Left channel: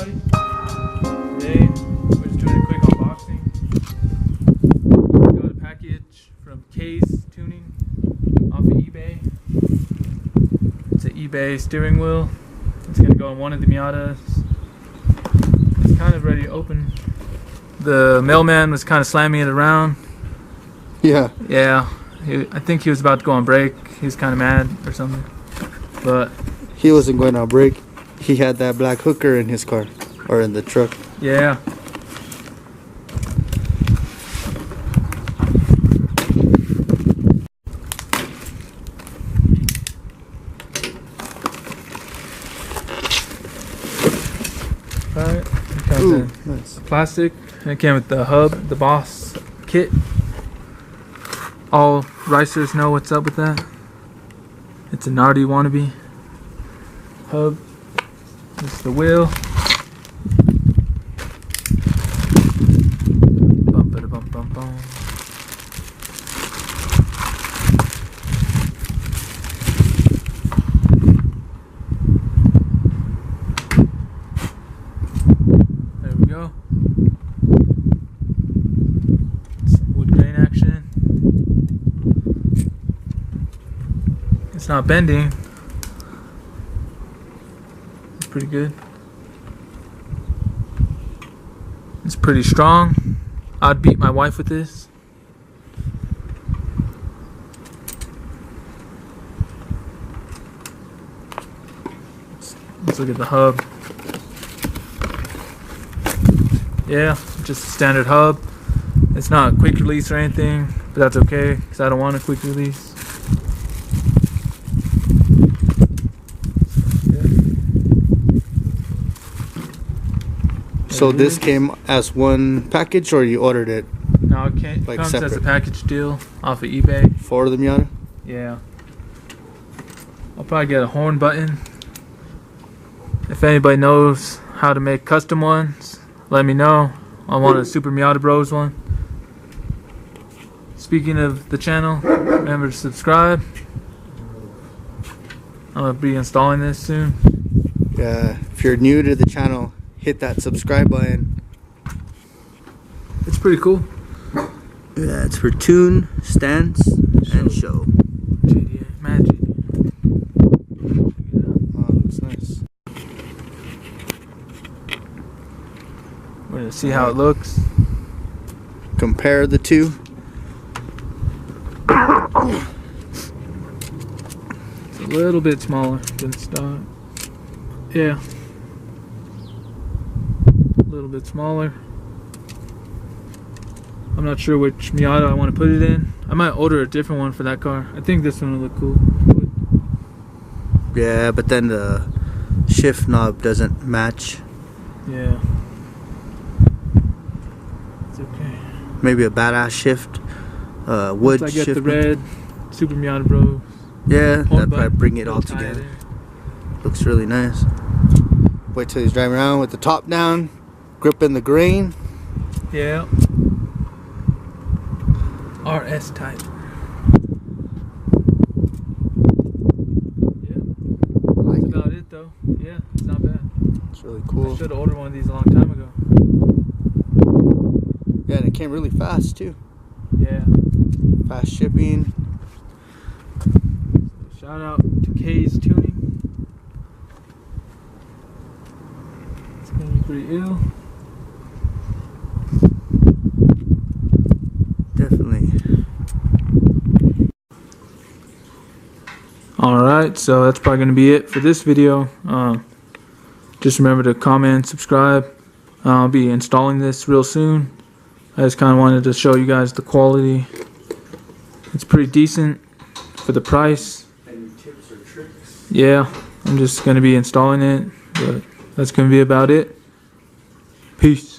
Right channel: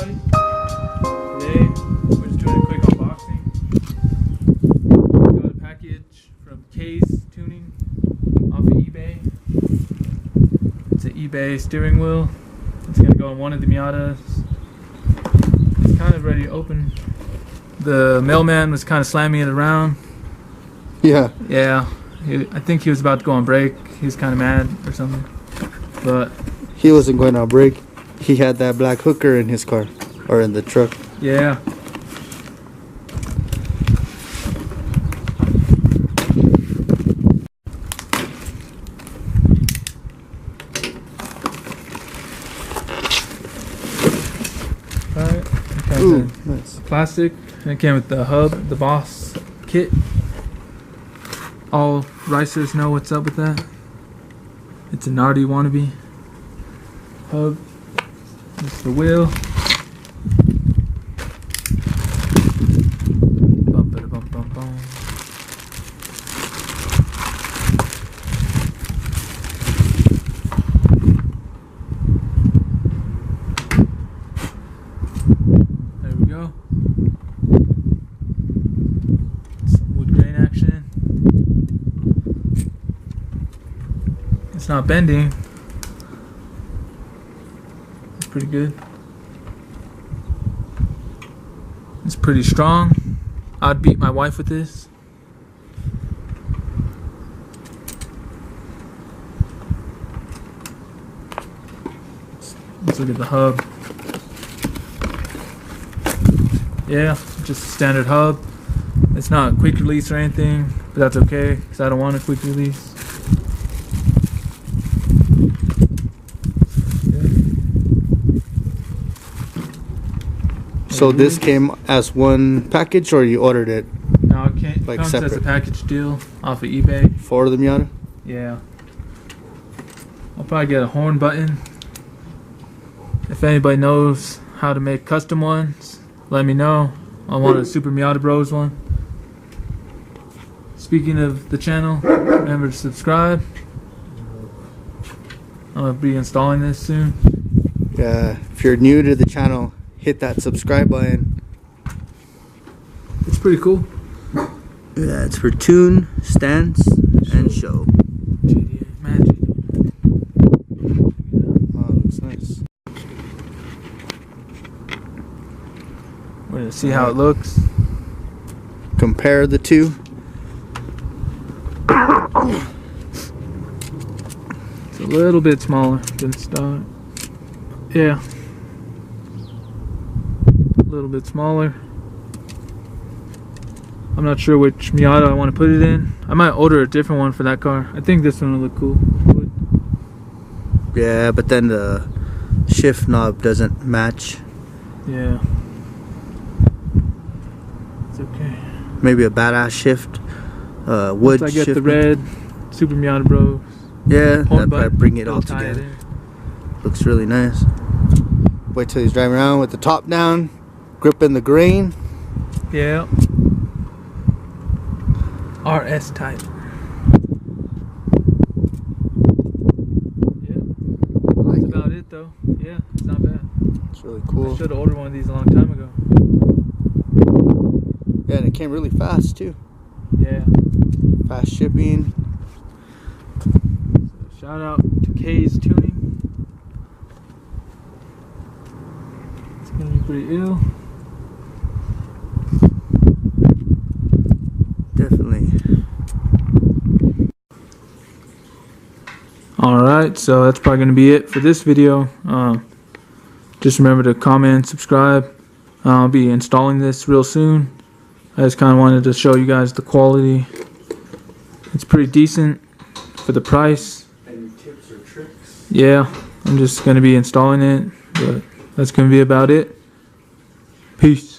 everybody. Today we're just doing a quick unboxing. Got a package from K's Tuning off of eBay. It's an eBay steering wheel. It's gonna go on one of the Miatas. It's kind of ready to open. The mailman was kind of slamming it around. Yeah. Yeah. I think he was about to go on break. He was kind of mad or something. But he wasn't going on break. He had that black hooker in his car. Or in the truck. Yeah. Alright. It comes in nice. plastic. And it came with the hub, the Boss kit. All racers know what's up with that. It's a Nardi wannabe. Hub. This is the wheel. Bum ba da bum bum bum. There we go. Some wood grain action. It's not bending. It's pretty good. It's pretty strong. I'd beat my wife with this. Let's look at the hub. Yeah, just a standard hub. It's not quick release or anything, but that's okay because I don't want a quick release. So this came as one package, or you ordered it? No, it can't. Like comes separate? as a package deal off of eBay. For the Miata? Yeah. I'll probably get a horn button. If anybody knows how to make custom ones, let me know. I want a SuperMiataBros one. Speaking of the channel, remember to subscribe. I'm going to be installing this soon. Yeah, if you're new to the channel, hit that subscribe button. It's pretty cool. Yeah, it's for tune, stance, and show. JDA, mad JDA. Oh, looks nice. We're going to see how it looks. Compare the two. It's a little bit smaller than stock. Yeah. A little bit smaller. I'm not sure which Miata I want to put it in. I might order a different one for that car. I think this one will look cool. Yeah, but then the shift knob doesn't match. Yeah. It's okay. Maybe a badass shift. Wood Once I get shift. the red SuperMiataBros. Yeah, that'd button, probably bring it all it'll tie it together. in. Looks really nice. Wait till he's driving around with the top down, gripping the grain. Yeah. RS type. Yeah. That's about it though. Yeah, it's not bad. It's really cool. I should have ordered one of these a long time ago. Yeah, and it came really fast too. Yeah. Fast shipping. So shout out to K's Tuning. It's gonna be pretty ill. Definitely. Alright, so that's probably gonna be it for this video. Just remember to comment, subscribe. I'll be installing this real soon. I just kind of wanted to show you guys the quality. It's pretty decent for the price. Any tips or tricks? Yeah, I'm just going to be installing it, but that's going to be about it. Peace.